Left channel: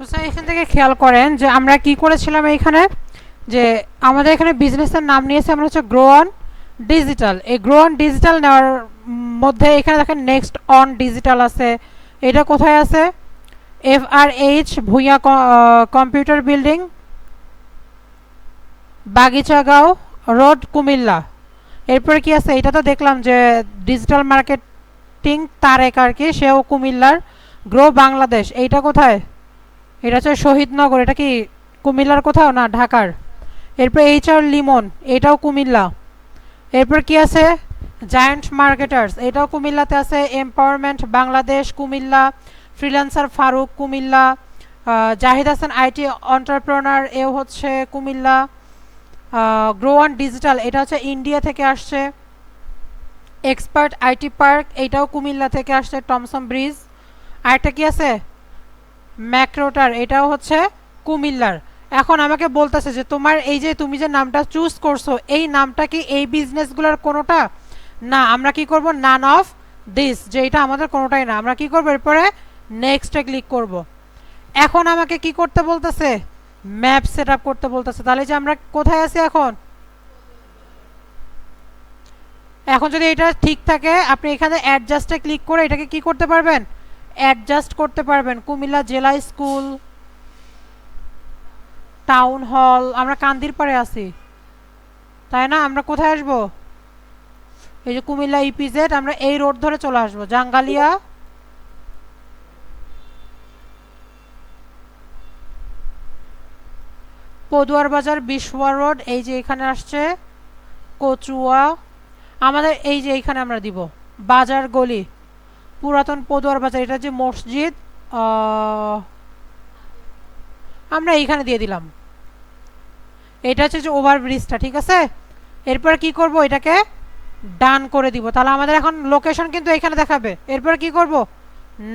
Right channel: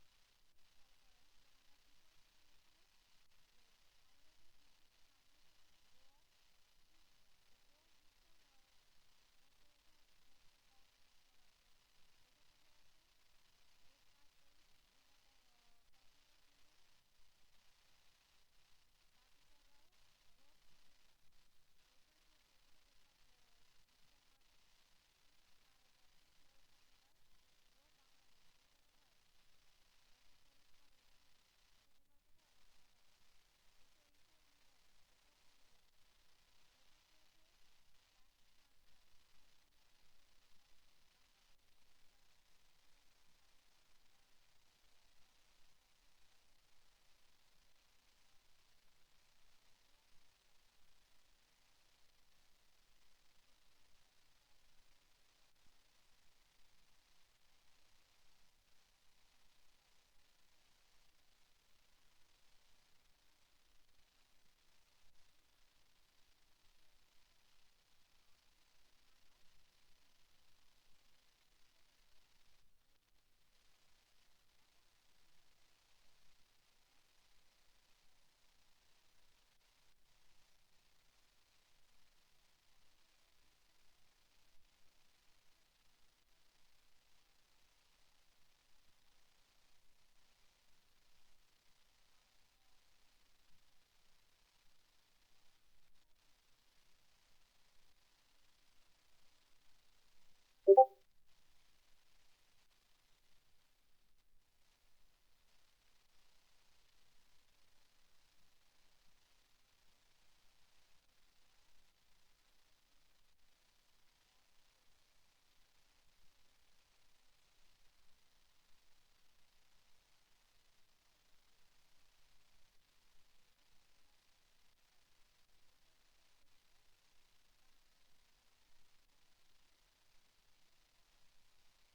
তো স্যার এখান থেকে খেয়াল করেন যে আমরা কি করেছিলাম এইখানে, যে আমাদের এখানে বিজনেসের নাম নিয়েছে আমরা হচ্ছে গ্রো অন ডিজিটাল। এই গ্রো অন ডিজিটাল নেওয়ার মধ্যে এখানে দেখেন নেক্সট অন ডিজিটাল আছে। এটা কোথায় আছে? FRH Bhuiyan computer building, Bagichagaon road, Comilla. এরপরে কি আছে? এটা তো দেখলাম যে ডিজিটাল মার্কেটিং তারেক আর কি, সেও কুমিল্লার। গ্রো বাংলাদেশ, এইটা কোথায়? এটা হচ্ছে শহীদনগর। এটা কি কুমিল্লার কোথাও? না, ঢাকার। এরপর HR লিমন, এটাও কুমিল্লা। এরপর কি আছে? জায়ান্ট মার্কেটার্স, এটাও কুমিল্লাতে আছে। Empowerment Bangladesh, Comilla. Freelancer Faruk, Comilla. Zahid Hasan IT entrepreneur, এও হচ্ছে কুমিল্লা। গ্রো অন ডিজিটাল, এটা হচ্ছে ইন্ডিয়া থেকে আসছে। এক্সপার্ট IT পার্ক, এটাও কুমিল্লা থেকে আসছে, টমসন ব্রিজ। আরেকটা কি আছে? ম্যাক্রোটার, এটাও হচ্ছে কুমিল্লার। এখন আমাকে বলতেছে যে তোমার এই যে তুমি যে নামটা চুজ করছো, এই নামটা কি এই বিজনেসগুলোর কোনোটা না? আমরা কি করব? নান অফ দিস, যে এটা আমাদের কোনোটাই না। আমরা কি করব? এরপরে নেক্সটে ক্লিক করব। এখন আমাকে কি করতে বলতেছে? ম্যাপ সেট আপ করতে বলতেছে। তাহলে যে আমরা কোথায় আছি এখন? এখন যদি এটা ঠিক থাকে আপনি এখানে অ্যাডজাস্টে ক্লিক করে এটাকে কি করতে পারবেন? অ্যাডজাস্ট করতে পারবেন। কুমিল্লা জেলা স্কুল, টাউন হল, আমরা কান্দির পাড়ে আছি তাই না? আমরা কোথায় আসবো? এই যে কুমিল্লা EPZ, আমরা এই রোড ধরে চলে আসবো, জাঙ্গালিয়া। পদুয়ার বাজার, বিশওয়া রোড, এই যে এখানে আসছে কচুয়া। আমাদের এই যে এইখানে আমরা দিব বাজার গলি, পুরাতন পদুয়ার বাজার। এটা যে মসজিদ, আমরা এইখানে দিয়ে দিলাম। এটা হচ্ছে যে ওভারব্রিজটা, ঠিক আছে? এরপর কি করব? এটাকে ডান করে দিব। তাহলে আমাদের এখন লোকেশন কিন্তু এখানে দেখাবে। এরপর কি করব?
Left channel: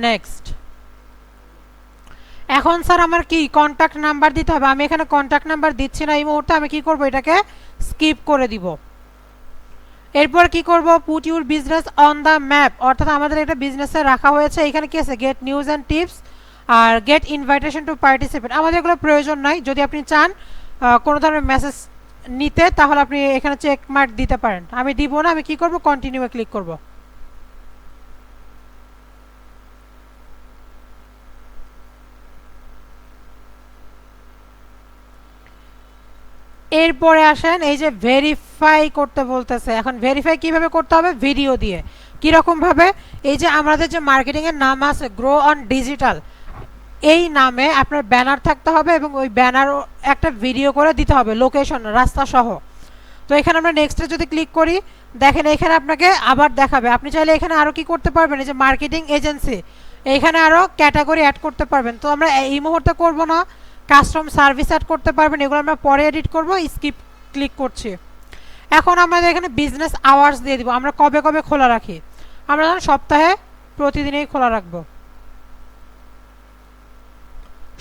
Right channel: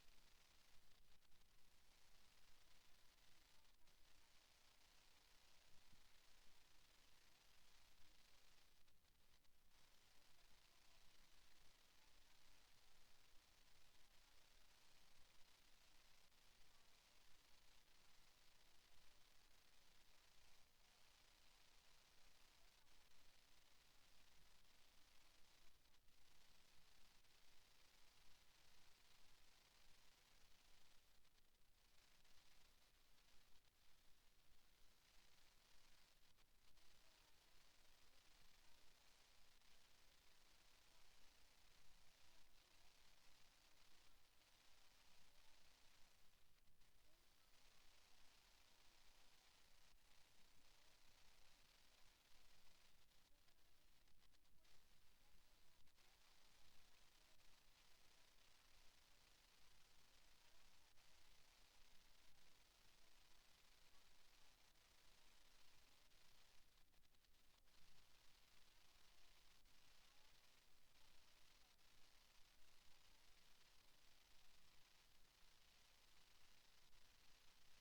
নেক্সট। এখন স্যার আমার কি কন্ট্যাক্ট নাম্বার দিতে হবে? আমি এখানে কন্ট্যাক্ট নাম্বার দিচ্ছি না এই মুহূর্তে। আমি কি করব? এটাকে স্কিপ করে দিব। এরপর কি করব? Put your business on the map, অর্থাৎ আমাদের এটা বিজনেসে রাখা হয়েছে। এখানে কি আছে? গেট নিউজ অ্যান্ড টিপস আর গেট ইনভাইটেশন টু পার্টিসিপেট। আমাদের এগুলো প্রয়োজন নাই। যদি আপনি চান কোনো ধরনের মেসেজ নিতে, তাহলে আপনি এখানে চেক মার্ক দিতে পারেন। আমি দিব না। আমি কি করব? কন্টিনিউয়ে ক্লিক করব। এরপরে আসেন এই যে ভেরিফাই করতে বলতেছে। এখন ভেরিফাই কিভাবে করতে হবে? ভিডিও দিয়ে। কিরকম ভাবে? এই যে আমাদের যে মার্কেটিং এর নাম আছে গ্রো অন ডিজিটাল, এই নামে আপনার ব্যানার থাকতে হবে এবং ওই ব্যানার একটা ভিডিও করে দিতে হবে, লোকেশন, রাস্তা সহ। তো এখানে আমরা নেক্সটে যদি ক্লিক করি, দেখেন এখানে আপনাকে আবার দেখাবে। আপনি চাইলে এখানে আরও কি করতে পারবেন? এই যে মার্কেটিং এজেন্সি, এইখানে আরও ক্যাটাগরি অ্যাড করতে পারবেন। তো আমরা এই মুহূর্তে করব না। কাস্টম সার্ভিস অ্যাড করতে পারবেন, এগুলো আমরা পরে এডিট করব। স্কিপ ক্লিক করছি। এখন আমাদের এখানে বিজনেস আওয়ার্স দিয়ে দিব, আমরা কবে কবে খোলা রাখি। আমরা ধরুন সপ্তাহে প্রতিদিনই খোলা রাখবো।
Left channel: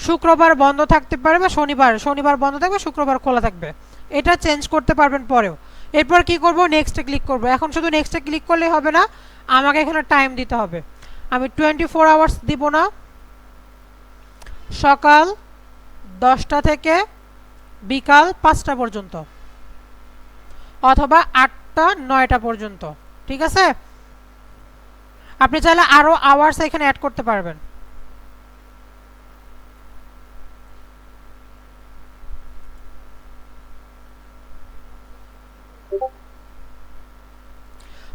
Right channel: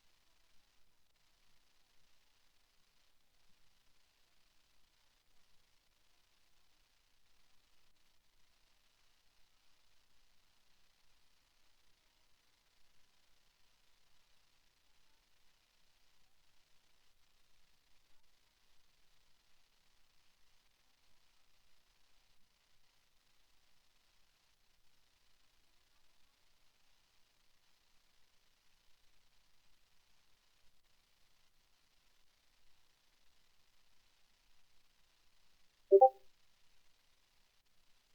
শুক্রবার বন্ধ থাকতে পারে বা শনিবার বন্ধ থাকবে, শুক্রবার খোলা থাকবে। এটা চেঞ্জ করতে পারবেন পরেও। এরপর কি করব? নেক্সটে ক্লিক করব। এখন শুধু নেক্সটে ক্লিক করলেই হবে না, আমাকে এখানে টাইম দিতে হবে। আমি 24 আওয়ার্স দিব না, সকাল 10টা থেকে বিকাল 5টা পর্যন্ত, অথবা 8টা 9টা পর্যন্ত, ঠিক আছে? আপনি চাইলে আরও আওয়ার্স এখানে অ্যাড করতে পারবেন।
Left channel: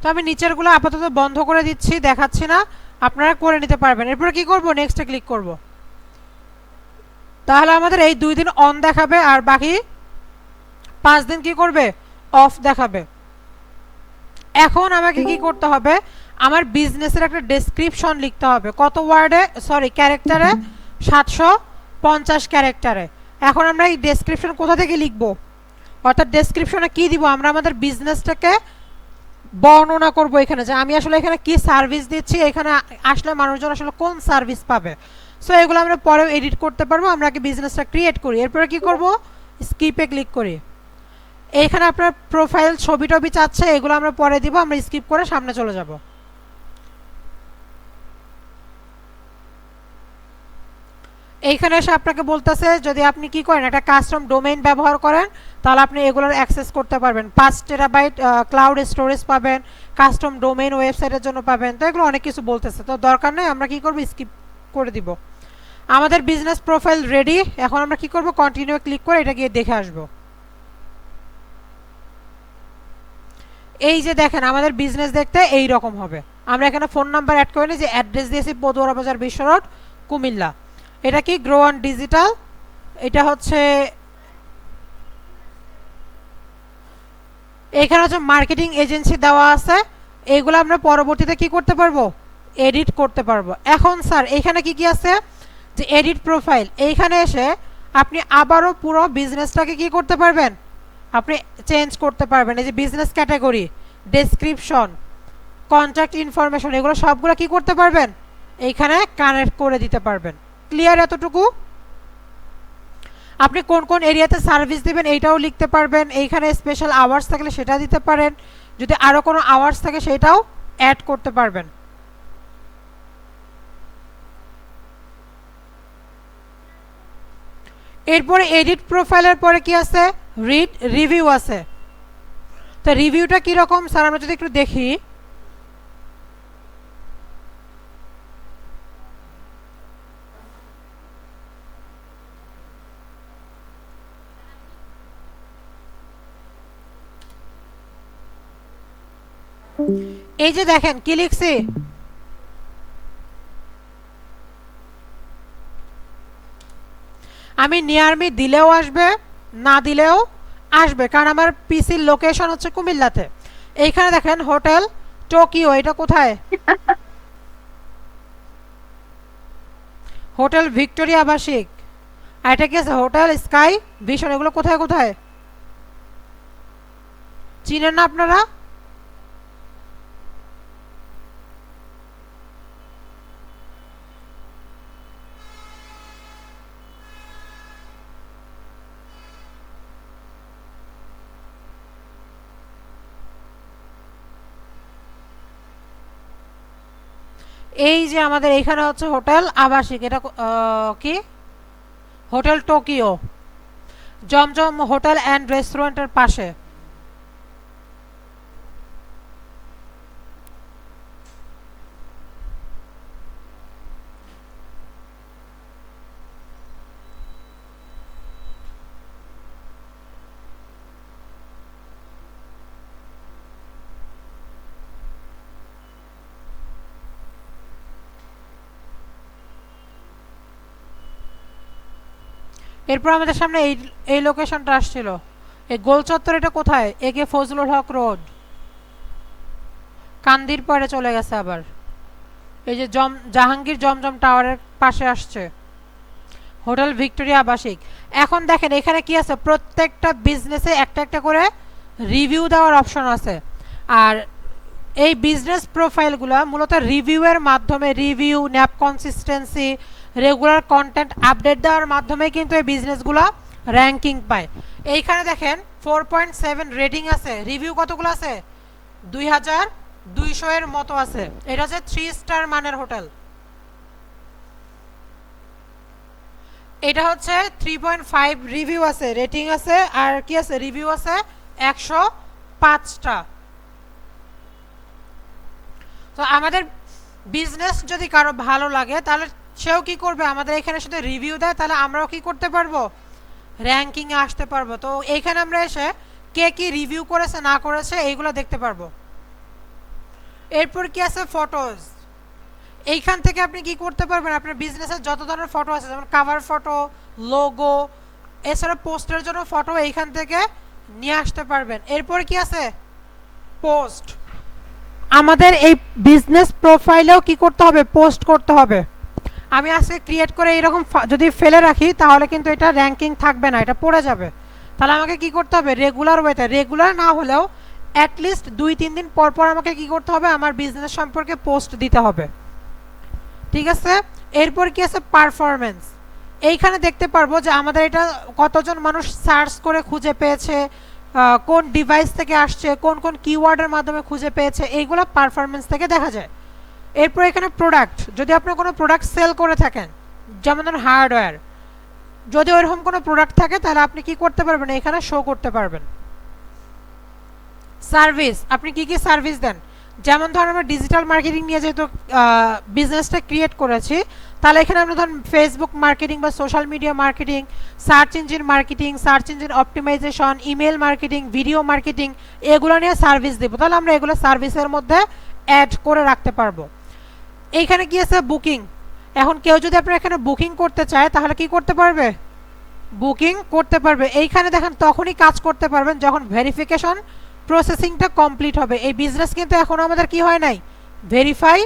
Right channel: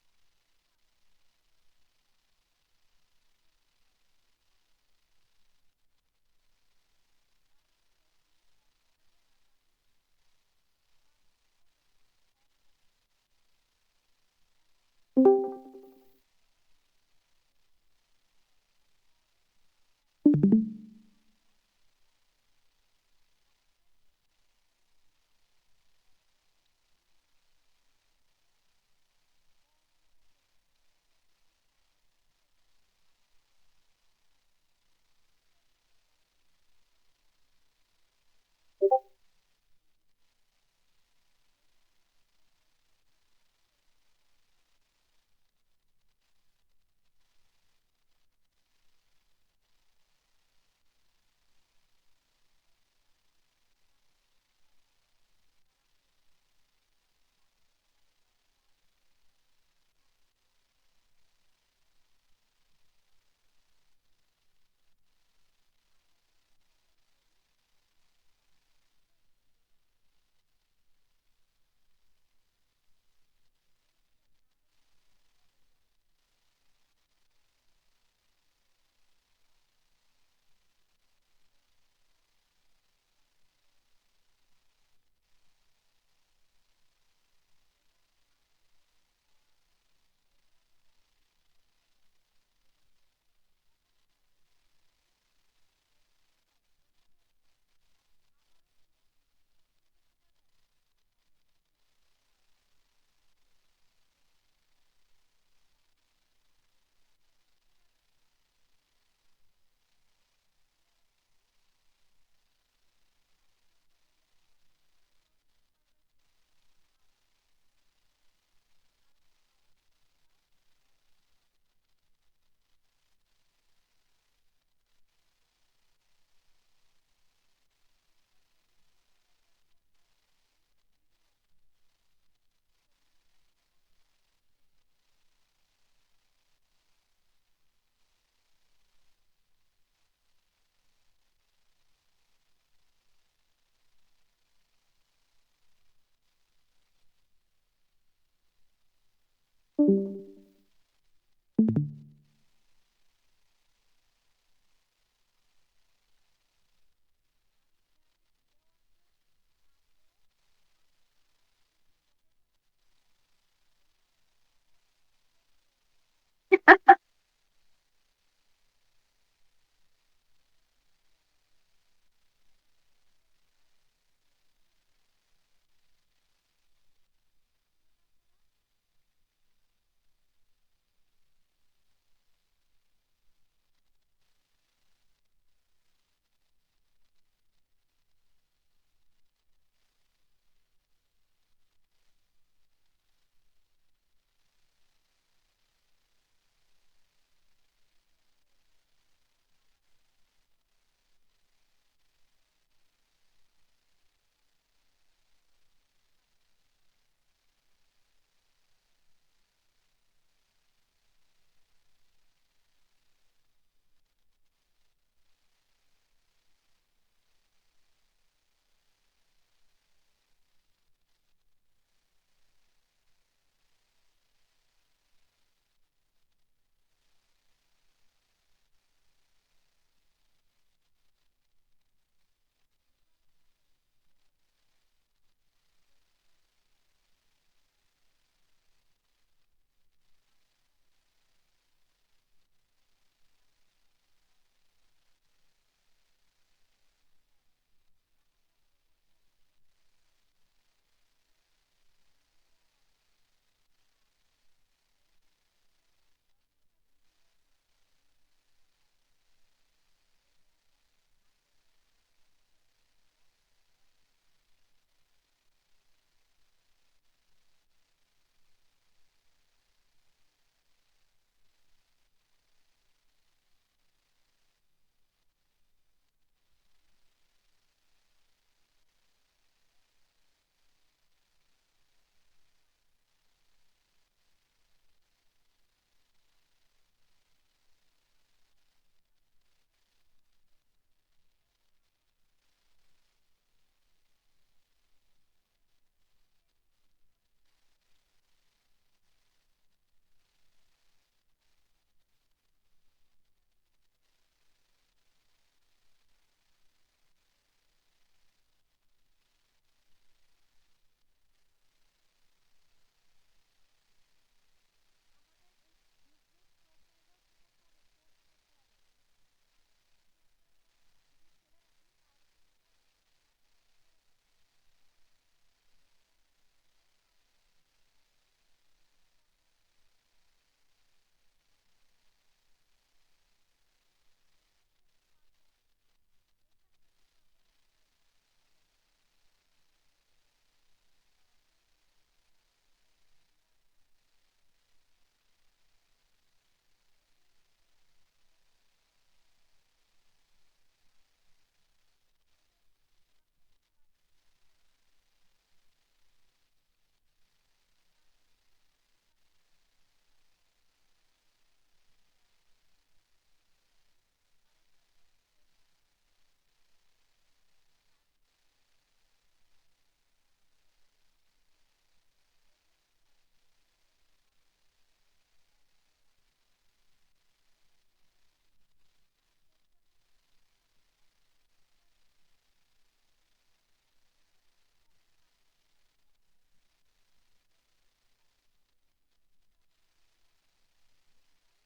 তো আমি নিচেরগুলো আপাতত বন্ধ করে দিচ্ছি, দেখাচ্ছি না, আপনারা করে নিতে পারবেন। এরপরে কি করব? নেক্সটে ক্লিক করব। তাহলে আমাদের এই 2 দিন অন দেখাবে আর বাকি 5 দিন কি করবে? অফ দেখাবে। এখন আমাকে কি করতে হবে? আমার বিজনেসের একটা ডেসক্রিপশন লিখতে হবে। কত ওয়ার্ডে? ক্যারেক্টারে? 750 ক্যারেক্টারে। এখন আমরা এই ডেসক্রিপশন কোথা থেকে লিখব? অর্থাৎ ডেসক্রিপশনে কি দিব? আমরা আমাদের বিজনেসটাকে বর্ণনা করব এখানে, যে আমি আসলে এখানে কি সার্ভিস দিচ্ছি, এখানে আসলে মানুষজন আসলে কোন সার্ভিস পাবে। সো এগুলো আমরা পরেও এডিট করতে পারবো। আমরা আগে বিজনেসটা ক্রিয়েট করি, এরপরে কি করব? স্কিপে ক্লিক করি। এইখানে আপনার প্রোফাইল ছবি টবি চাচ্ছে, এগুলো আমরা পরে দিব। আমরা স্কিপ করে সামনে চলে যাব। এইখানে এসে আপনাকে বলতেছে যদি আপনি কি করেন একটা কাস্টম ডোমেইন ব্যবহার করেন তাহলে আপনি এগুলোর অ্যাক্সেস করতে পারবেন। 5 টেরাবাইট ক্লাউড স্টোরেজ পাবেন, কাস্টম ডোমেইন ওয়েবসাইটের জন্য পাবেন। তো এগুলো অনেক কিছু বলতেছে, তো দরকার নেই, আমরা কি করব স্কিপ করে দিব। আমাদের বিজনেস প্রোফাইল রেডি। এখন আমরা কি করব কন্টিনিউ ক্লিক করে এটা গিয়ে দেখে আসব। এই যে দেখেন আমাদের বিজনেস দেখতে এই রকম হবে। আমরা এখানে ফোন নাম্বার অ্যাড করে নিই, যে অ্যাড্রেস দিয়েছি পদুয়ারা বাজার বিশ্ব রোড কুমিল্লা। এটা কি গ্রো অন ডিজিটাল, এটা হচ্ছে এখানে হচ্ছে মার্কেটিং এজেন্সি দেওয়া আছে। এইগুলো আমরা পরবর্তীতে কি করতে পারবো এডিট করতে পারবো। এখন স্যার এখানে কি কি আছে, যে এডিট প্রোফাইল, এইখানে এসে আপনি আবারও পুরো বিজনেসটাকে কি করতে পারবেন, আপনি চেঞ্জ করতে পারবেন। এই যে business category, description, contact information, এগুলো সবগুলো কি করতে পারবেন এইখানে কানেক্ট করে দিতে পারবেন। ক্লিয়ার এতটুকু? আপনি কোন কোন এরিয়াতে সার্ভিস দিবেন এইটাও লিখতে পারবেন। এইখানে স্পেশাল আওয়ার্স থাকলে সেটা দিতে পারেন, যদি আরও কোনো আওয়ার্স থাকে সেটাও অ্যাড করতে পারবেন। এরপরে এডিট প্রোফাইলের পরে কি আছে, রিড রিভিউ আছে। তো রিভিউটা কীরকম স্যার আমরা যদি একটু দেখি। এই যে দেখেন কি লিখছি, আমি নিয়ার মি দিলেও আসবে, না দিলেও আসবে, কারণ আমার পিসির লোকেশন হচ্ছে কুমিল্লাতে। এইখানে দেখেন হোটেল টোকিও, এটা কোথায়, হোটেল ভিক্টোরিয়া আবাসিক, আর এটা কি আছে হোটেল স্কাই ভিশন, এগুলো কোথায় কোথায় চিনেন না আপনারা? এই যে আমাদের এইখানে হচ্ছে হোটেল আবাসিক, এটা কি hotel Tokyo, Zamzam hotel and রেস্টুরেন্টের পাশে। এরপর আমাদের সামনে এই এই লোকেশনটা আসছিল, এই গোল চত্বর, এটা কোথায়, একে ফজলুল হক রোড, কান্দির পরে চলে গেছে আবার। এই যে জাহাঙ্গীর জমজম টাওয়ারের পাশে আসছে হোটেল ভিক্টোরিয়া আবাসিক। এখন দেখেন এখানে কি আছে, প্রত্যেকটা বিজনেসে একটা একটা করে রিভিউ দেওয়ার অপশন আছে। আর এই বিজনেস প্রোফাইলগুলো মূলত রিভিউয়ের মাধ্যমে, review, nap consistency, regular content update দেওয়ার মাধ্যমে কিন্তু এই বিজনেসগুলো র্যাঙ্কিং পায়। এইখানে দেখেন 4.7 রেটিং আছে, রিভিউ কতগুলো আছে 2200 এর মতো আছে। এটা হচ্ছে 3 স্টার মানের হোটেল। এটা হচ্ছে 3.5 রিভিউ আছে, রেটিং আছে, আর কি আছে রিভিউ আছে 105টা। তো আমাদের বিজনেস যদি কারো ভালো লাগে তাহলে সেও কি করবে, আমাদের এখানে সাথে রিভিউ দেয়, তাহলে আমরাও কি করতে পারবো র্যাঙ্কিংয়ে আসতে পারবো। তো এইখানে আমরা এসে কে কি রিভিউ করেছে না করেছে এইগুলো দেখতে পারবো। এরপর কি আছে ফটোজ, এইখান থেকে আপনি কি করতে পারবেন, আপনার বিজনেসের যত ধরনের ফটো আছে যেমন কাভার ফটো, লোগো, এছাড়া পোস্টের জন্য ফটো এইখান থেকে নিয়ে আসতে পারবেন। এরপর কি আছে পোস্ট, আমাদের এই বিজনেস প্রোফাইলেও কি করতে হবে পোস্ট করতে হবে। আমি আজকে ক্রিয়েট করে এরকম যদি ফেলে রাখি তাহলে কিন্তু এটা র্যাঙ্কিং থাকবে না, এটা পড়ে যাবে। তাহলে আমাকে কি করতে হবে রেগুলার ওয়েতে, রেগুলার না হলেও অ্যাটলিস্ট 2-3 দিন পর পর আমাকে কি করতে হবে আমার বিজনেস সম্পর্কে পোস্ট দিতে হবে। ঠিক আছে, এরপর কি আছে পারফরমেন্স, এইখানে দেখতে পারবো যে আমাদের এটা কতজন মানুষ সার্চ করে খুঁজে পেয়েছে, কোন ডিভাইস থেকে আসছে, কোন কোন কিওয়ার্ডের মাধ্যমে খুঁজে পেয়েছে, এইগুলো পারফরমেন্স থেকে দেখা যায়। এরপর এখানে প্রোডাক্ট, যদি আপনি কোনো প্রোডাক্ট সেল করে থাকেন যেমন ধরুন হার্ডওয়্যার, যদি ওইরকম কোনো প্রোডাক্ট থাকে তাহলে আপনি কি করতে পারবেন, এখানে শো করতে পারবেন। সার্ভিস, আপনি কি কি সার্ভিস দেন, যেমন ধরুন আমরা ডিজিটাল মার্কেটিং নিয়ে যেহেতু বিজনেসটা ক্রিয়েট করেছি, তাহলে এখানে আমরা ধরুন ফেসবুক মার্কেটিং বা social media marketing, search engine marketing, search engine optimisation, email marketing, video marketing, এগুলো নিয়ে সার্ভিস দেবো, তাহলে আমরা এগুলো সার্ভিসের মধ্যে অ্যাড করে রাখতে পারবো। এইখানে কি আছে, বুকিং। এখন কেউ যদি আপনার এখানে বুকিং করতে চায় তাহলে কি করতে পারবে, বুকিং করতে পারবে। এইখানে দেখেন তখনই কাজ করতে পারবেন যখন ভেরিফিকেশন প্রসেসিংটা কমপ্লিট হবে। এই বিজনেস কিন্তু এখনো আমাদের কি হয় নাই, ভেরিফাই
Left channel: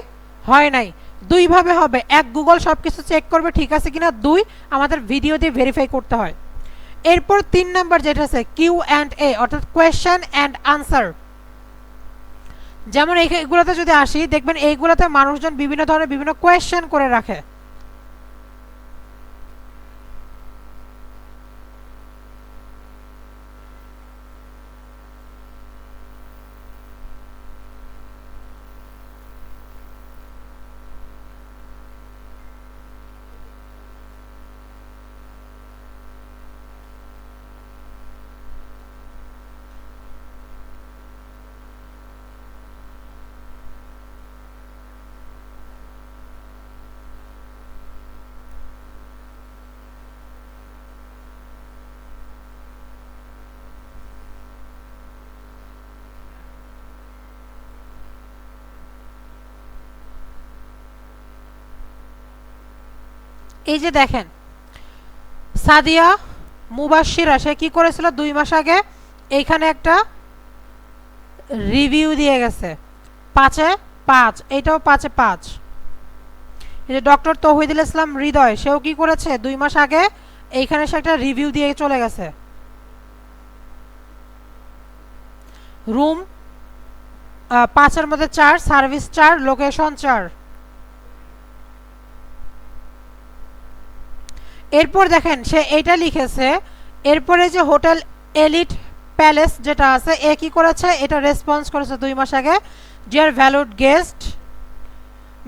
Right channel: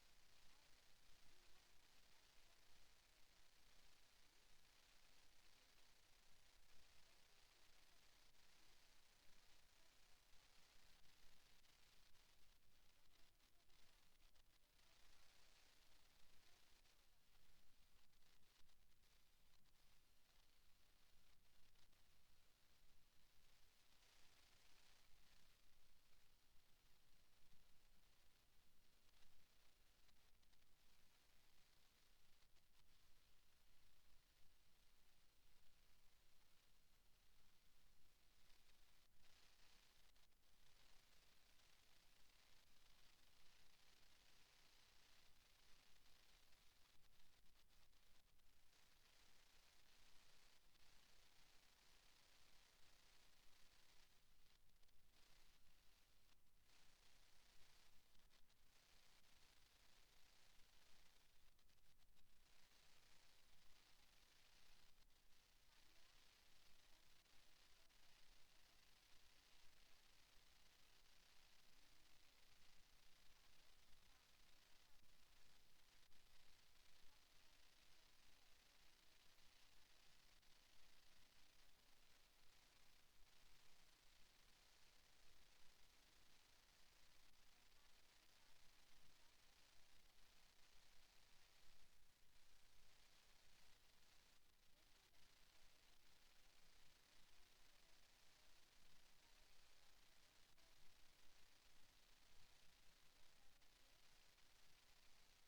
হয় নাই। দুইভাবে হবে, এক গুগল সব কিছু চেক করবে ঠিক আছে কিনা, দুই আমাদের ভিডিও দিয়ে ভেরিফাই করতে হয়। এরপর 3 নাম্বার যেটা আছে কিউ অ্যান্ড এ, অর্থাৎ কোয়েশ্চেন অ্যান্ড আনসার। যেমন এইগুলোতে যদি আসি দেখবেন এইগুলোতে মানুষজন বিভিন্ন ধরনের বিভিন্ন কোয়েশ্চেন করে রাখে। এই যে দেখেন সাদিয়া মুবাশিরা, সে কি করেছিল 2 মাস আগে এইখানে একটা রিভিউ দিয়ে গেছে 5-এ 5, এইটাও 5-এ 5। এই যে ডক্টর তৌহিদুল ইসলাম হৃদয়, সেও কি করেছে 2 মাস আগে এইখানে সে একটা রিভিউ দিয়ে চলে গেছে। রুম 5-এর মধ্যে 4, সার্ভিস 4, লোকেশন 4। এরপর দেখেন সে এইটা লিখেছে, এরপরে যে হোটেল এলিট প্যালেস যেটা আছে এ কি করেছে, এটা রেসপন্স করেছে 2 মাস আগে, dear valued guest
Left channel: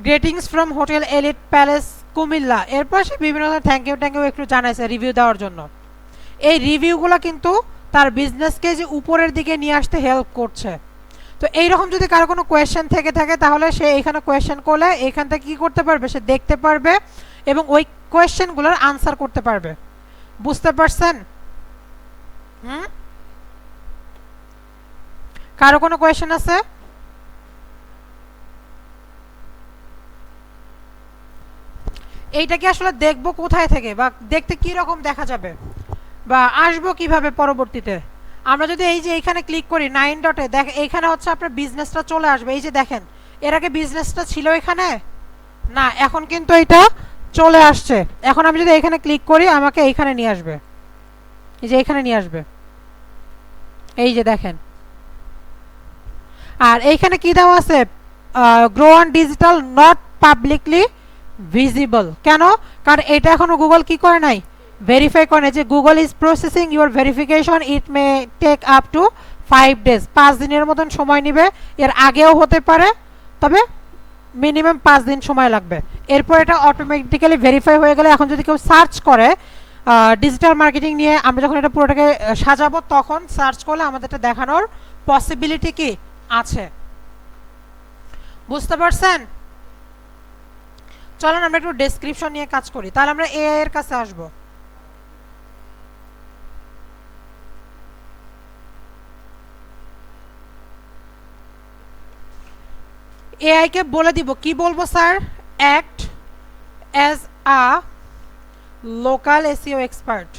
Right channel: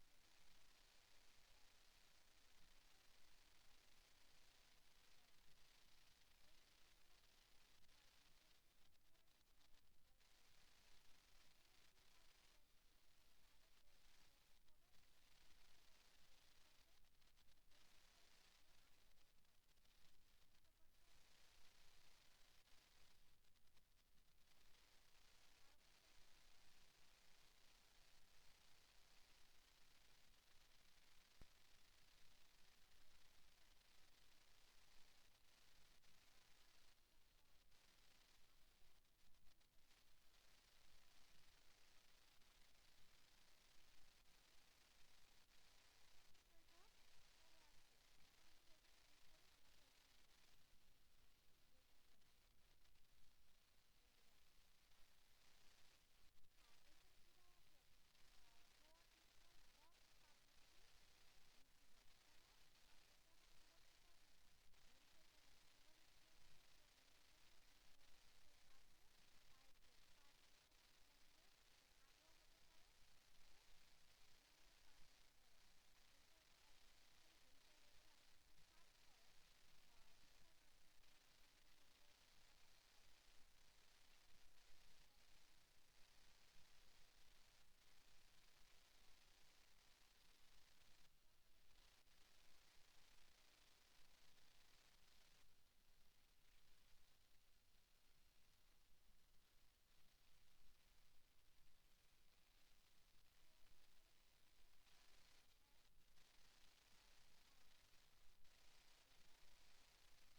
greetings from hotel elite palace Comilla. এরপর সে বিভিন্ন ধরনের থ্যাংক ইউ একটু জানাইছে রিভিউ দেওয়ার জন্য। এই রিভিউগুলো কিন্তু তার বিজনেসকে যে উপরের দিকে নিয়ে আসতে হেল্প করছে। তো এইরকম যদি কারো কোনো কোয়েশ্চেন থেকে থাকে তাহলে সে এইখানে কোয়েশ্চেন করলে এইখান থেকে কী করতে পারবে, সে দেখতে পারবে এবং ওই কোয়েশ্চেনগুলোর আনসার করতে পারবে। বুঝতে পারছেন? কারো কোনো কোয়েশ্চেন আছে? এইটাকে আসলে দেখবো কোথায় থেকে, বা দেখতে কি রকম দেখা যাবে, বা আসবো কিভাবে পরবর্তীতে? আমরা যদি এই যে এইখানে ক্লিক করি 9 ডটে, দেখ এইখানে হচ্ছে আপনার বিজনেসটা চলে আসবে। এই যে দেখেন এর আগে বিজনেসটা ছিল এখানে না, এখন কিন্তু এটা চলে আসছে। এখন আমি যদি এখানে ক্লিক করি আমাকে এইখানে নিয়ে আসবে, এই যে এইখানে নিয়ে আসবে, এই যে দেখেন। আর এইখানে কি দেওয়া আছে, grow on digital not publicly visible. কেন? কারণ এটা এখনো গুগল কি করে নাই, ভেরিফাই করে নাই। যে Google is processing your verification, it may take up to 5 days, 5 দিনের মতন সময় নেবে। এর আগেও হতে পারে, তবে মিনিমাম 5 দিন সময় লাগবে। এরপর এটা অটোমেটিক্যালি ভেরিফাই হয়ে গেলে এখন যদি কেউ সার্চ করে ডিজিটাল মার্কেটিং নিয়ে, আমরা যখন এটা পুরোটাকে সাজাবো তখন সার্চ করলে আমাদের এটা দেখানোর পসিবিলিটি কি আছে। বুঝতে পারছেন? চলুন আমরা একটু ডেসক্রিপশন নিয়ে কাজ করি, তাহলে আমরা এআই এর কাছে আসব। এআই কে বলে দিব, কি বলবো sir, act as a local SEO expert.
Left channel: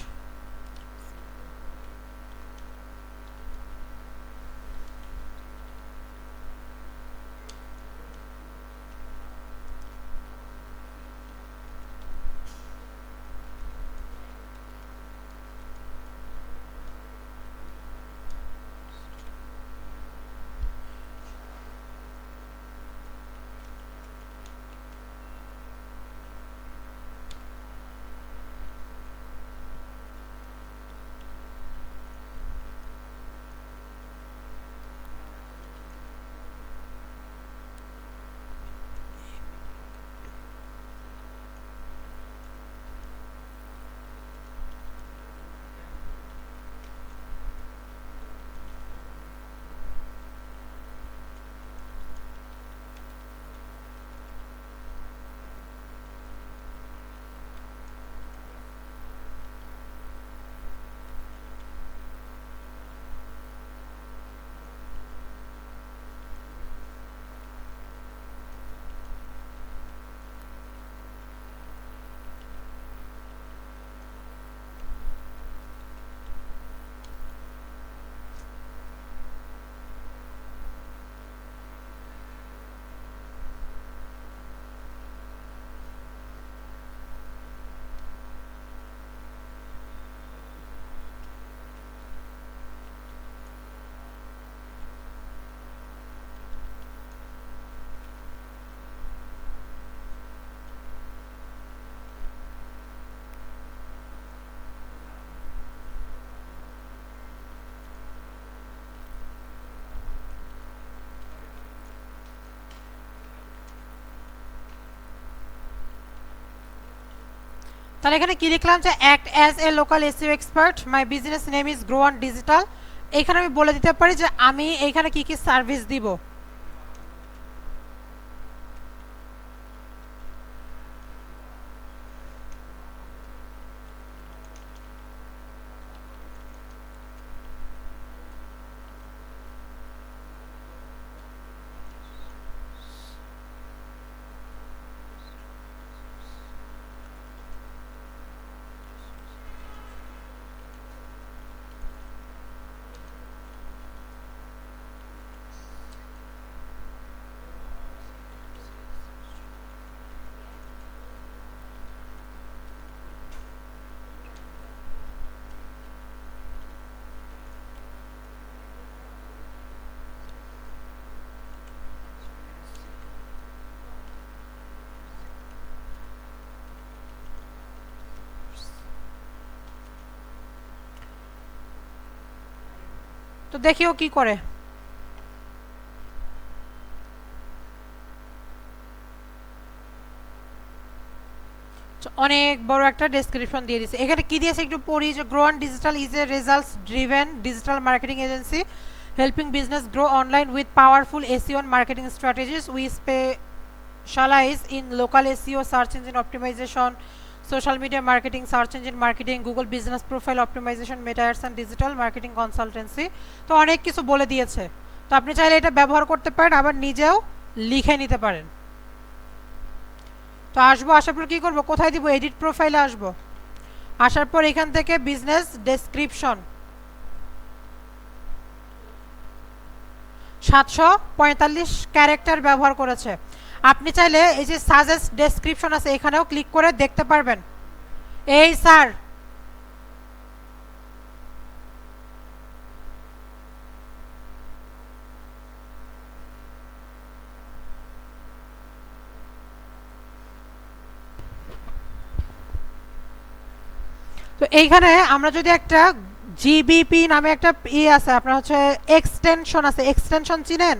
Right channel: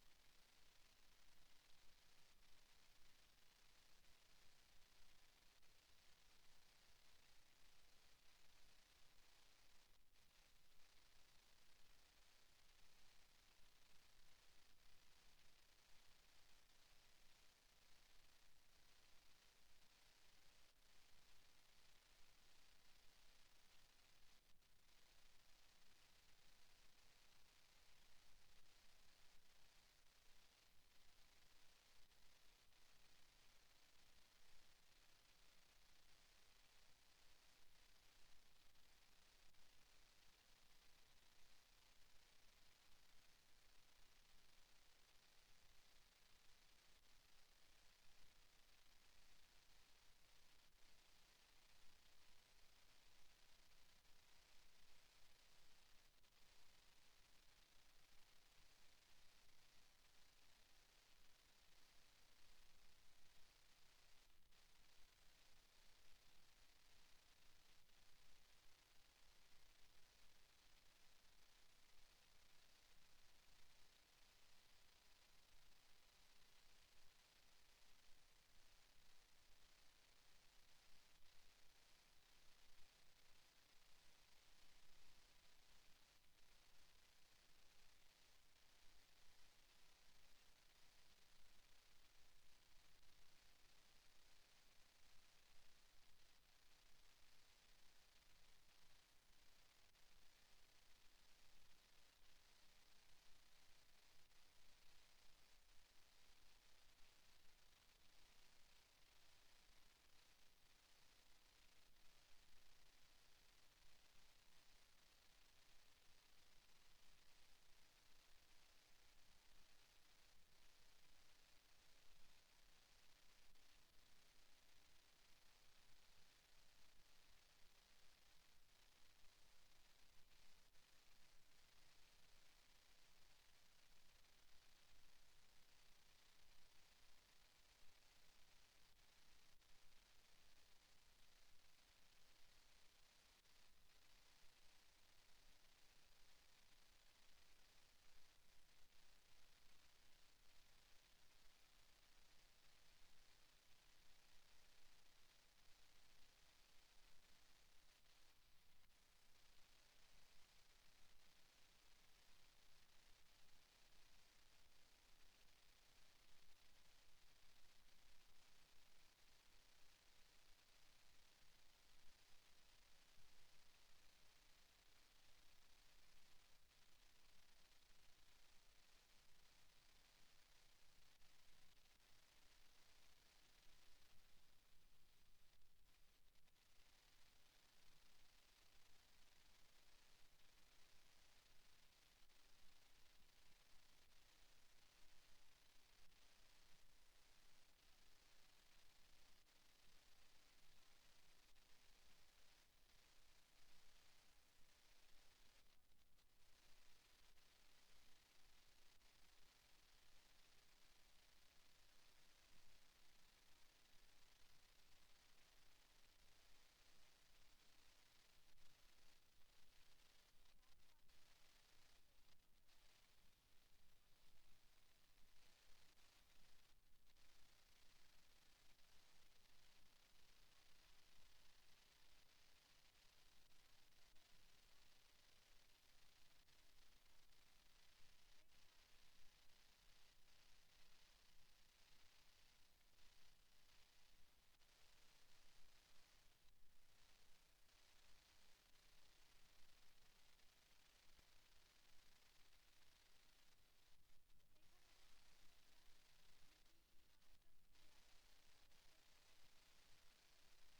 তাহলে এখানে কি লিখলাম যে act as a local SEO expert, my business name is grow on digital. এখানে আমি বলে দিতে পারি যে আমি এইখানে কি কি সার্ভিস দিব। তো দেখিও কি করে। অনেক বড় একটা ডেসক্রিপশন দিয়ে দিয়েছে। এখানে কি দিয়েছে একটু পড়ি যে grow on digital is a results driven digital marketing agency helping business grow online with powerful SEO and marketing strategies. We specialize in local SEO, search engine optimization, social media marketing, search engine marketing, Google business profile optimization, meta ads and digital marketing consultancy. তো অনেক কিছু বলে দিয়েছে। তো আপনি চাইলে এটা ব্যবহার করতে পারেন, আবার নিজেও লিখে নিতে পারেন। তো আসবো, আসার পর কি করব, কোথায় দিব, এডিট প্রোফাইলে আসবো। আসার পর এখান থেকে বিজনেস ডেসক্রিপশন 745 ক্যারেক্টার ব্যবহার করেছে। আপনি চাইলে এই যে সাজেস্ট ডেসক্রিপশন আছে এখানেও ক্লিক করে দেখতে পারবেন। এই স্যার তো এইখানে আমরা যদি একটা জিবিপি নামে একটা আছে, আপনার হচ্ছে এক্সটেনশন আছে, এক্সটেনশন চিনেন?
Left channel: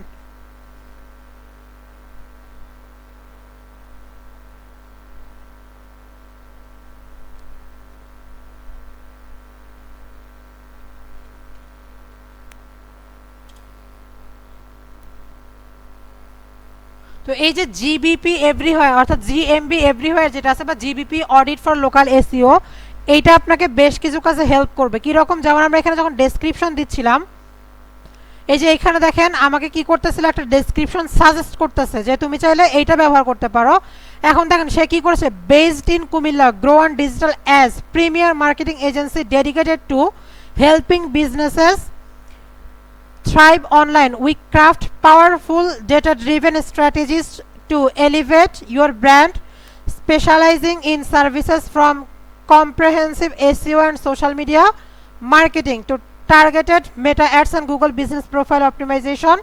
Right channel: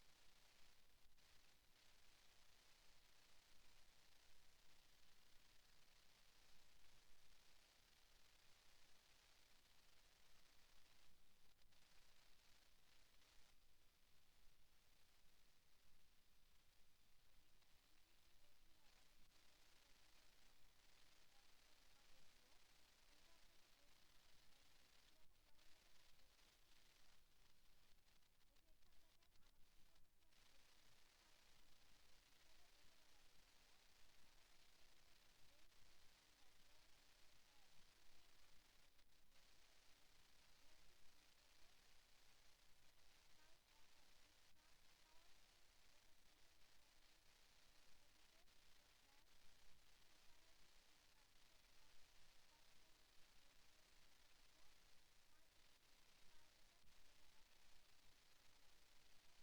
তো এই যে জিবিপি এভরিওয়্যার অর্থাৎ জিএমবি এভরিওয়্যার যেটা আছে বা GBP audit for local SEO, এইটা আপনাকে বেশ কিছু কাজে হেল্প করবে। কি রকম, যেমন আমরা এখানে যখন ডেসক্রিপশন দিচ্ছিলাম, এই যে এখানে দেখেন আমাকে কি করতেছিল, একটা ডেসক্রিপশন সাজেস্ট করতেছে যে তুমি চাইলে এইটা ব্যবহার করতে পারো। এখন দেখেন সে কি করেছে, based in Comilla, grow on digital as premier marketing agency dedicated to helping businesses thrive online. We craft powerful data driven strategies to elevate your brand, specializing in services from comprehensive SEO and social media marketing to targeted meta ads and Google business profile optimization.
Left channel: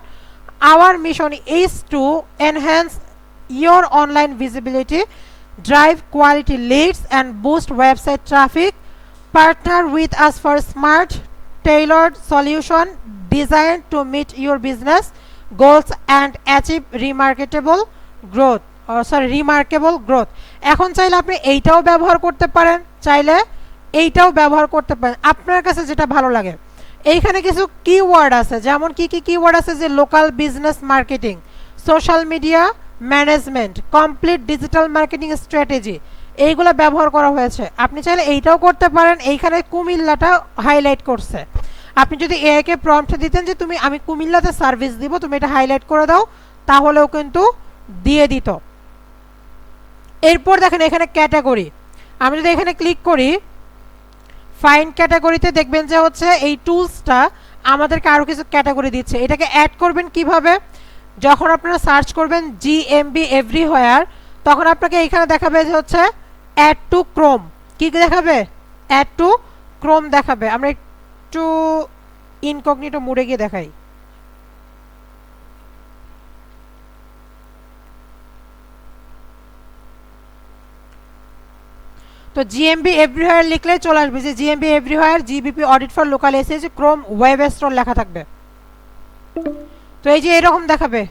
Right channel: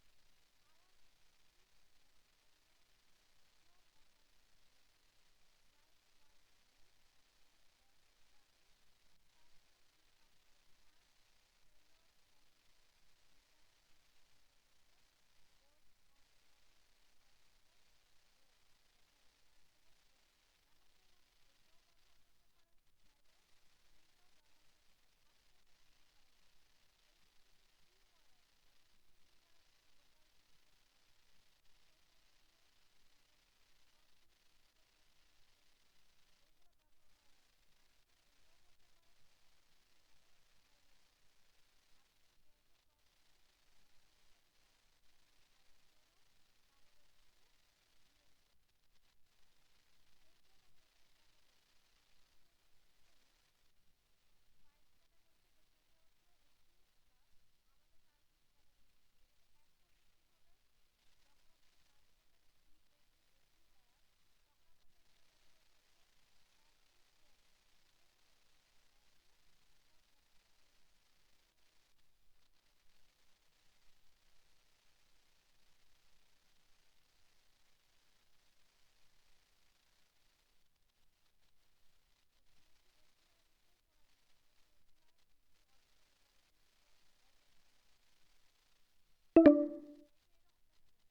Our mission is to enhance your online visibility, drive quality leads and boost website traffic. Partner with us for smart tailored solution designed to meet your business goals and achieve remarkable growth. এখন চাইলে আপনি এইটাও ব্যবহার করতে পারেন, চাইলে এইটাও ব্যবহার করতে পারেন, আপনার কাছে যেটা ভালো লাগে। এইখানে কিছু কিওয়ার্ড আছে, যেমন কি কি কিওয়ার্ড আছে, যে local business marketing, social media management, complete digital marketing strategy, এইগুলো ব্যবহার করা হয়েছে। আপনি চাইলে এইটাও করতে পারেন। এইখানে কুমিল্লাটা হাইলাইট করছে। আপনি যদি এআইকে প্রম্পট দিতেন যে তুমি আমি কুমিল্লাতে সার্ভিস দিব, তুমি এটা হাইলাইট করে দাও, তাহলেও কিন্তু দিয়ে দিত। এরপর দেখেন এখানে ক্যাটাগরি, আমি যদি এখানে ক্লিক করি ফাইন্ড ক্যাটাগরিতে, দেখবেন যে হচ্ছে এই টুলসটা আমাদেরকে আরও কিছু ক্যাটাগরি দিচ্ছে। এটাকে অ্যাড করবেন কিভাবে, যখন আপনারা সার্চ করবেন জিএমবি এভরিওয়্যার, তখন আপনাকে এখানে দেখাবে যে হচ্ছে অ্যাড টু ক্রোম। কি দেখাবে, অ্যাড টু ক্রোম দেখাবে। আমরা একটু ইনকগনিটো মোডে গিয়ে দেখাই। তো জিএমবি এভরিওয়্যার লিখলে চলে আসবে যে GMB everywhere GBP audit for local SS Chrome web store লেখা থাকবে। তো এই যে এরকম দেখাবে,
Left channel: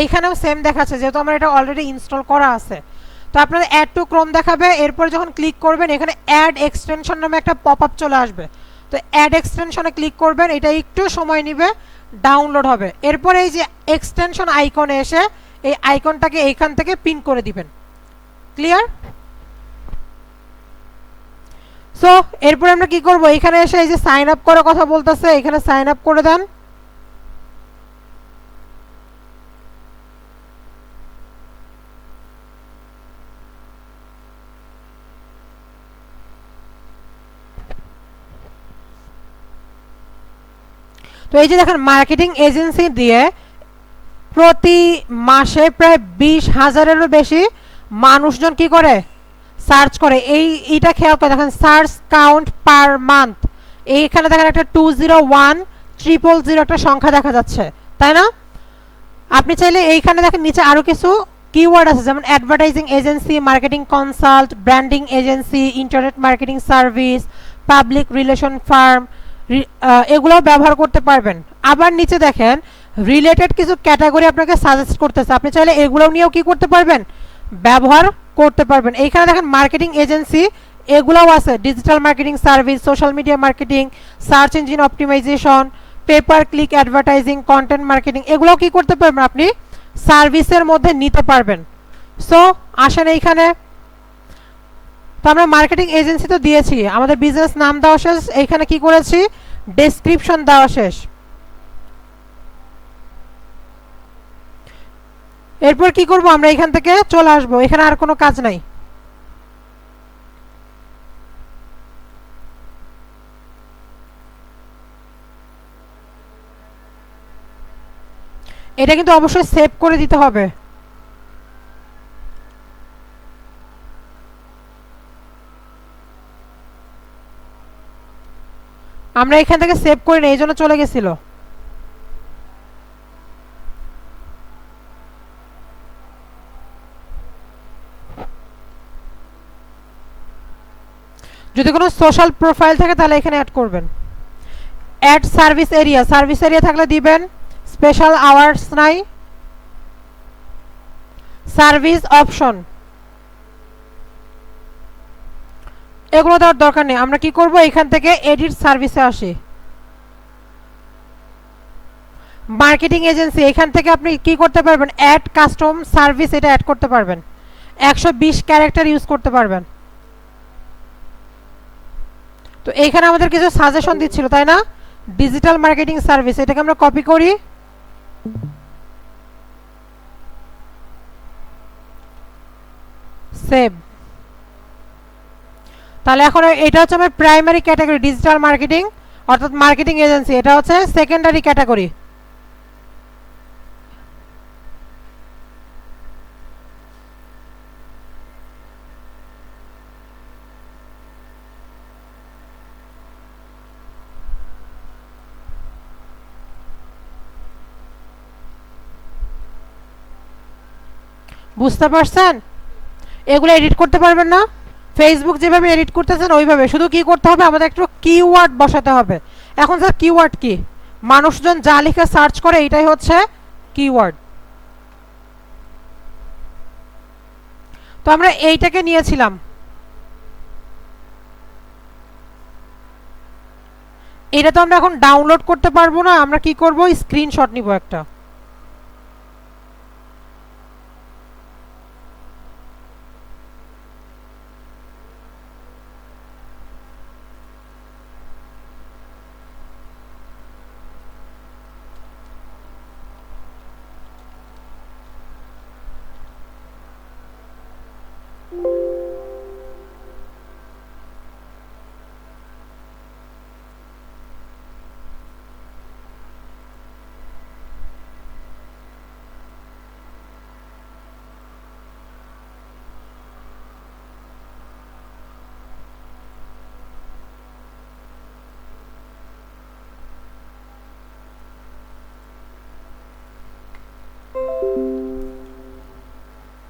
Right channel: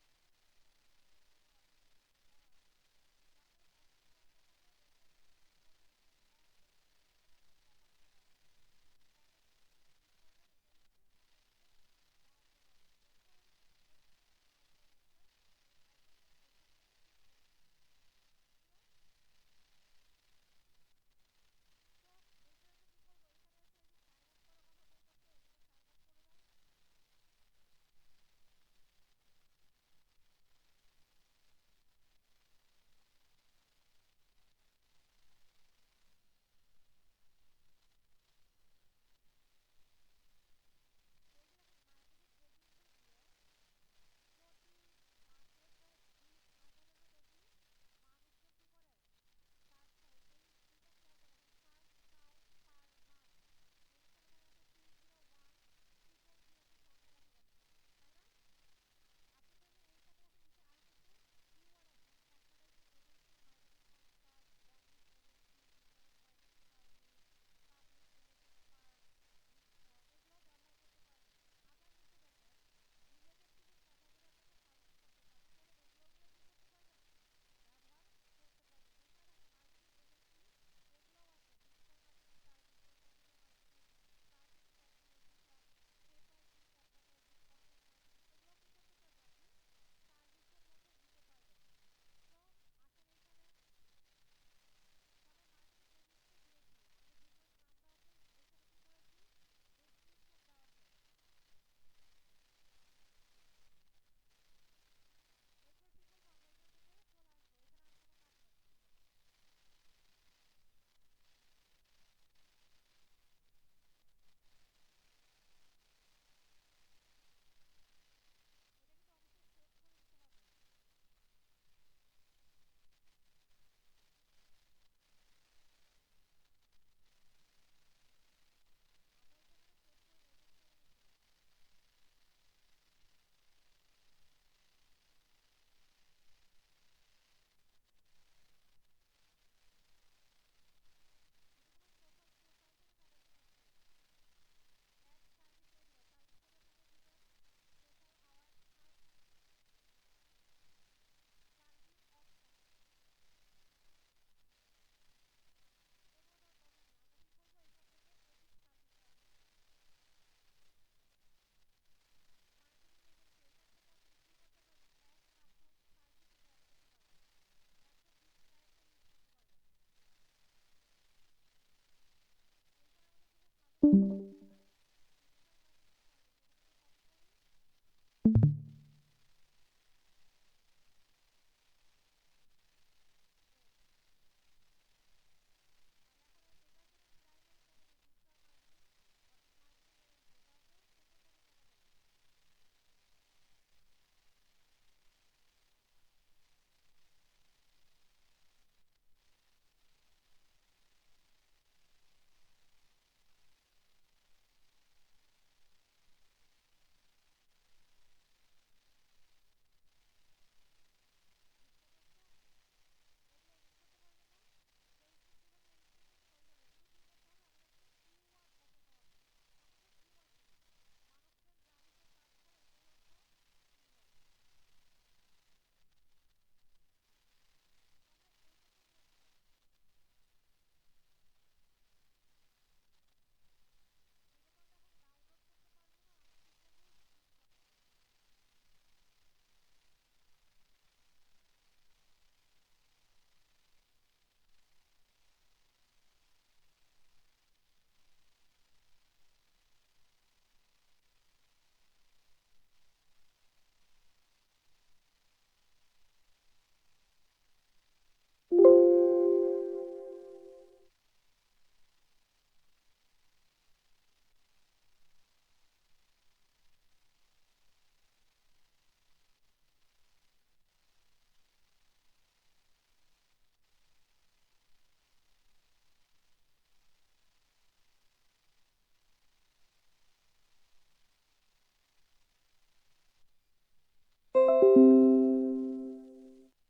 এইখানেও সেম দেখাচ্ছে যেহেতু আমার এটা অলরেডি ইনস্টল করা আছে। তো আপনাদের অ্যাড টু ক্রোম দেখাবে, এরপর যখন ক্লিক করবেন এখানে অ্যাড এক্সটেনশন নামে একটা পপআপ চলে আসবে। তো অ্যাড এক্সটেনশনে ক্লিক করবেন, এটা একটু সময় নেবে, ডাউনলোড হবে। এরপর এই যে এক্সটেনশন আইকনে এসে এই আইকনটাকে এইখান থেকে পিন করে দিবেন। ক্লিয়ার? সো এরপর আমরা কি করব, এখানে এসে এই যে সাইন আপ করার কথা বলতেছে, এখানে সাইন আপ করে দেন। তো এই যে দেখেন মার্কেটিং এজেন্সি দিয়ে প্রতি মাসে প্রায় 20,000-এরও বেশি মানুষজন কি করে, সার্চ করে। এইটা খেয়াল করে দেখেন, সার্চ কাউন্ট পার মান্থ, এইখানে দেখেন একটা 201,000 একটা সংখ্যা দেখা যাচ্ছে, তাই না? আপনি চাইলে এইখানে দেখেন নিচে আরও কিছু কিওয়ার্ড আছে, যেমন advertising agency, marketing consult, branding agency, internet marketing service, public relation farm, এগুলোও ব্যবহার করতে পারবেন। আবার নিচে দেখেন রিলেটেড কিছু ক্যাটাগরি আপনাকে সাজেস্ট করতেছে, আপনি চাইলে এগুলো নিয়েও কি করতে পারবেন, ব্যবহার করতে পারবেন। এইখানে দেখেন মার্কেটিং এজেন্সি, এগুলোও আছে, digital marketing service, social media marketing, search engine optimisation, pay per click advertising, content marketing, এগুলোও কি করতে পারবেন, আপনি সার্ভিসের মধ্যে নিতে পারবেন। সো আসেন এইখানে, তো আমরা মার্কেটিং এজেন্সি তো দিয়েছি, আমাদের বিজনেস নাম দেওয়া শেষ, এইখানে কি করেছি, ডেসক্রিপশন দেওয়া শেষ। এরপর কি করব, আমরা এখান থেকে চলে আসবো, এখানে আর কোনো কাজ নাই। এটা কিন্তু অবশ্যই সেভ করে দিতে হবে। আমরা এখান থেকে সেভ করি না, এই জন্য চলে গেছিল। যদি কোনো সোশ্যাল প্রোফাইল থাকে তাহলে এখানে অ্যাড করবেন। Add service area, service area থাকলে দিবেন। স্পেশাল আওয়ার্স নাই, সার্ভিস অপশন, এগুলো দেওয়ার দরকার নেই। আমরা কি করব, এখান থেকে এডিট সার্ভিসে আসি, মার্কেটিং এজেন্সি, এখান থেকে আপনি কি করতে পারবেন, অ্যাড কাস্টম সার্ভিস, এটা অ্যাড করতে পারবেন, 120 ক্যারেক্টার ইউজ করতে পারবেন। তো এইখানে আমাদের কিছু সাজেশন দিচ্ছিল, তাই না, ডিজিটাল মার্কেটিং সার্ভিস, এটাকে আমরা কপি করি, সেভ। তাহলে এখন এটা হচ্ছে আমার প্রাইমারি ক্যাটাগরি ডিজিটাল মার্কেটিং, অর্থাৎ মার্কেটিং এজেন্সি, এটা হচ্ছে সেকেন্ডারি ক্যাটাগরি। বুঝতে পারছেন? এগুলো এডিট করতে পারবেন না, ফেসবুক যেভাবে এডিট করতেছেন ওইভাবে, শুধু কি করতে হবে, আমাদের একটু কিওয়ার্ড বসাতে হবে। এখন স্যার কিওয়ার্ড কি, মানুষজন যা লিখে সার্চ করে এটাই হচ্ছে কিওয়ার্ড। তো আমরা এইটাকে নিয়েছিলাম, এটা তো আমরা এখন ডাউনলোড করতে পারবো না, আমরা কি করব, স্ক্রিনশট নিব একটা।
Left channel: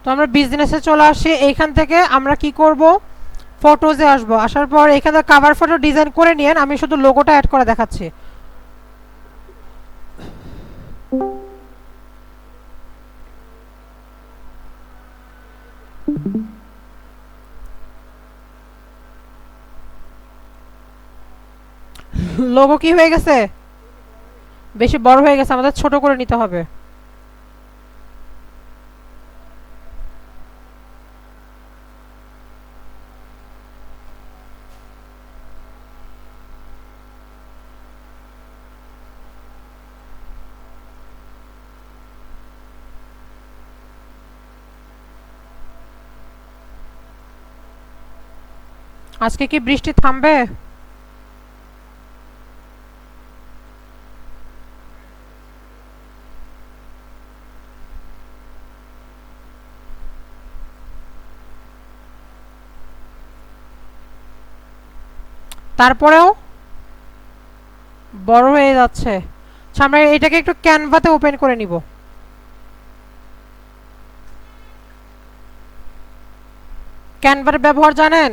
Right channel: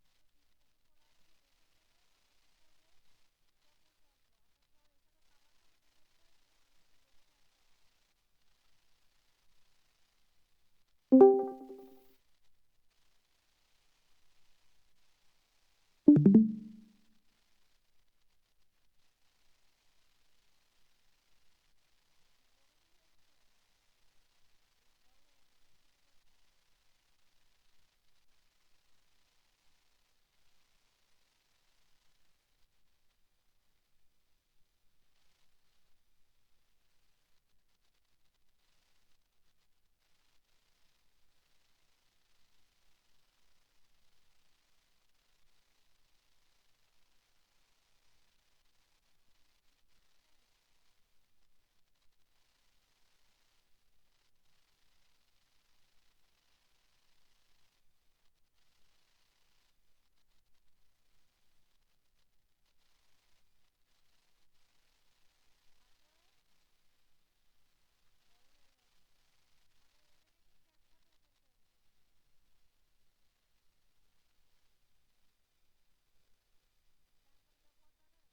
তো আমরা বিজনেসে চলে আসি, এইখান থেকে আমরা কি করব, ফটোজে আসবো, আসার পর এখানে কভার ফটো ডিজাইন করে নিয়েন, আমি শুধু লোগোটা অ্যাড করে দেখাচ্ছি। লোগো কি হয়ে গেছে? বেশি বড় হয়ে গেছে, আমাদের ছোট করে নিতে হবে। আজকে কি বৃষ্টি থামবে? তারপরেও বড় হয়ে যাচ্ছে। আচ্ছা, আমরা এটাকে একটু ক্যানভাতে ওপেন করে নিব। ক্যানভার ব্যবহার জানেন?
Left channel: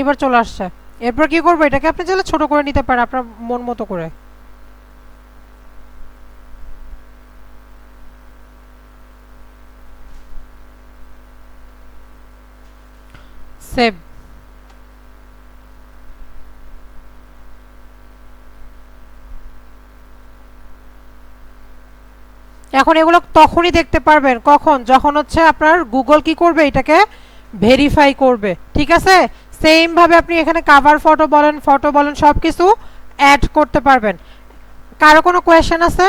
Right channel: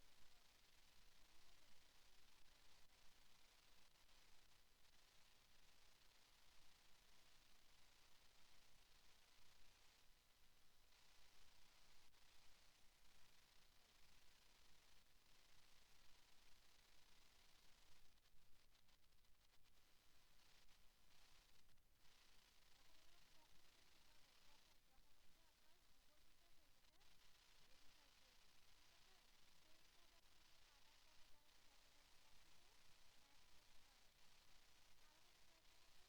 এবার চলে আসছে। এরপর কি করবো? এটাকে আপনি চাইলে ছোট করে নিতে পারেন আপনার মন মতো করে। সেভ। এখন এগুলো তখনই দেখতে পারবেন কখন, যখন হচ্ছে আপনার গুগল কি করবে, এটাকে ভেরিফাই করবে। ঠিক আছে? সেম ভাবে আপনি এখানে কাভার ফটো বলেন, সবকিছু অ্যাড করতে পারবেন। কারো কোনো কোয়েশ্চেন আছে?